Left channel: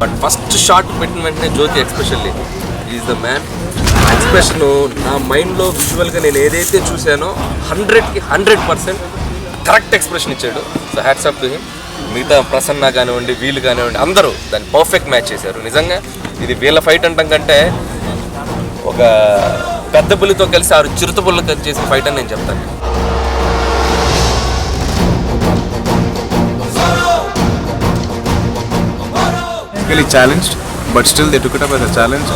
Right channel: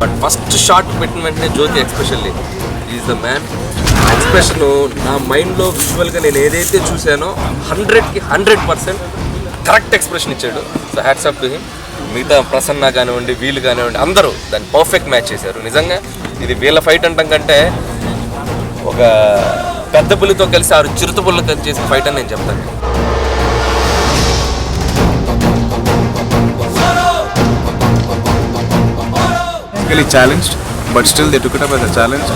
But first shot పెట్టిన వెంటనే Jyothi especially is the man. Expression నా మైండ్లో విజువల్గా నేను ఏదైతే చూశానో 100కి 100% కరెక్ట్ ఎక్స్ప్రెషన్ ఇచ్చాడు. So hats off to him. మిగతా ప్రసన్న కానివ్వండి, వీళ్ళు కానివ్వండి, అందరూ దాన్ని పర్ఫెక్ట్ మ్యాచ్ చేశారు. నిజంగా ఇది వీళ్ళ ఫైట్ అంటాం కంటే ఒక పెద్ద పులితో కలిసి 6 చిరుత పుల్ల కలిసి చేసిన ఫైట్ అని నేను చెప్తాను. challenged, but still they took it up as a challenge.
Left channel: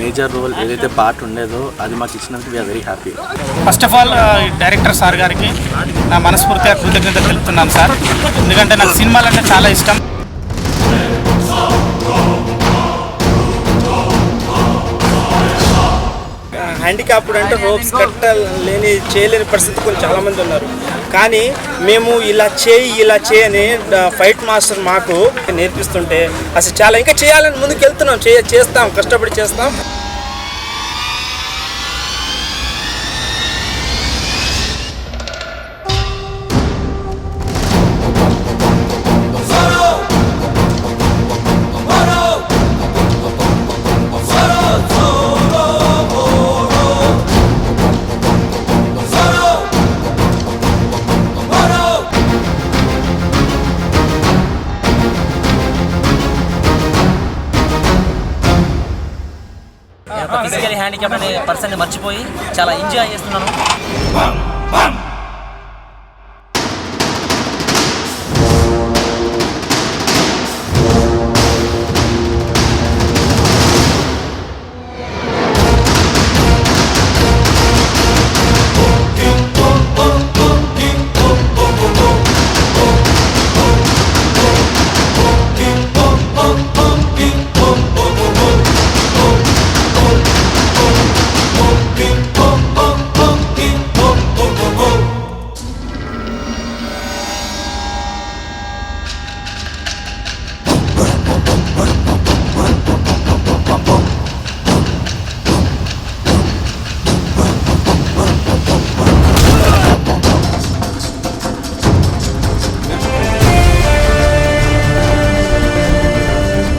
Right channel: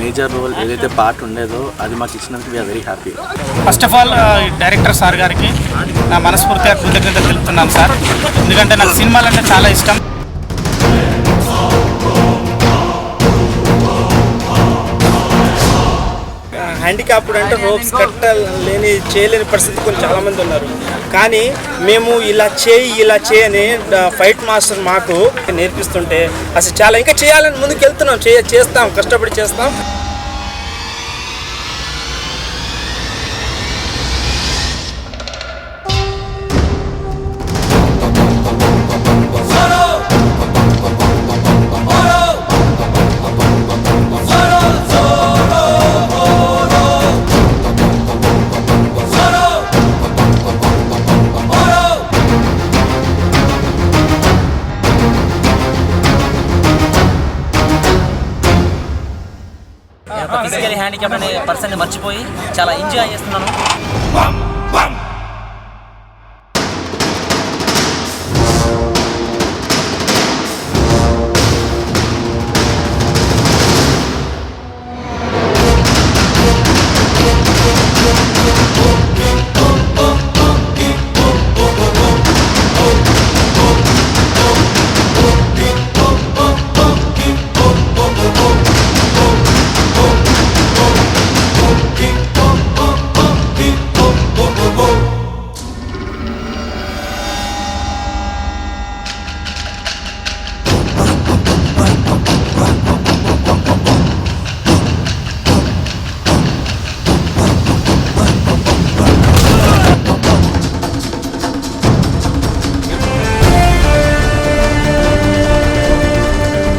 Major role ఏదైతే పార్ట్ ఉండేదో అది మాకు ఇచ్చినందుకు we are very happy. First of all director sir గారికి నా మనస్ఫూర్తిగా కృతజ్ఞతలు తెలుపుతున్నాను సార్. ఎందుకంటే నాకు సినిమాలు అంటే చాలా ఇష్టం. హ్యాండిక్యాప్డ్ అంటే రోప్స్ కట్టలేని చేయలేని పరిస్థితి కొన్ని చాలామంది ఉన్నారు. కానీ మేము ఇలా చేయి అని ఫైట్ మాస్టర్ మాకు నేర్పిస్తుంటే అసలు చాలా ఇంకా చేయాలని ముందుకు వెళ్తున్నాం. చేస్తాం, కష్టపడి చేస్తాం. ఫిజికలీ హ్యాండిక్యాప్ అనే పర్సన్ని మర్చిపోయి చాలా ఎంజాయ్ చేస్తున్నాను.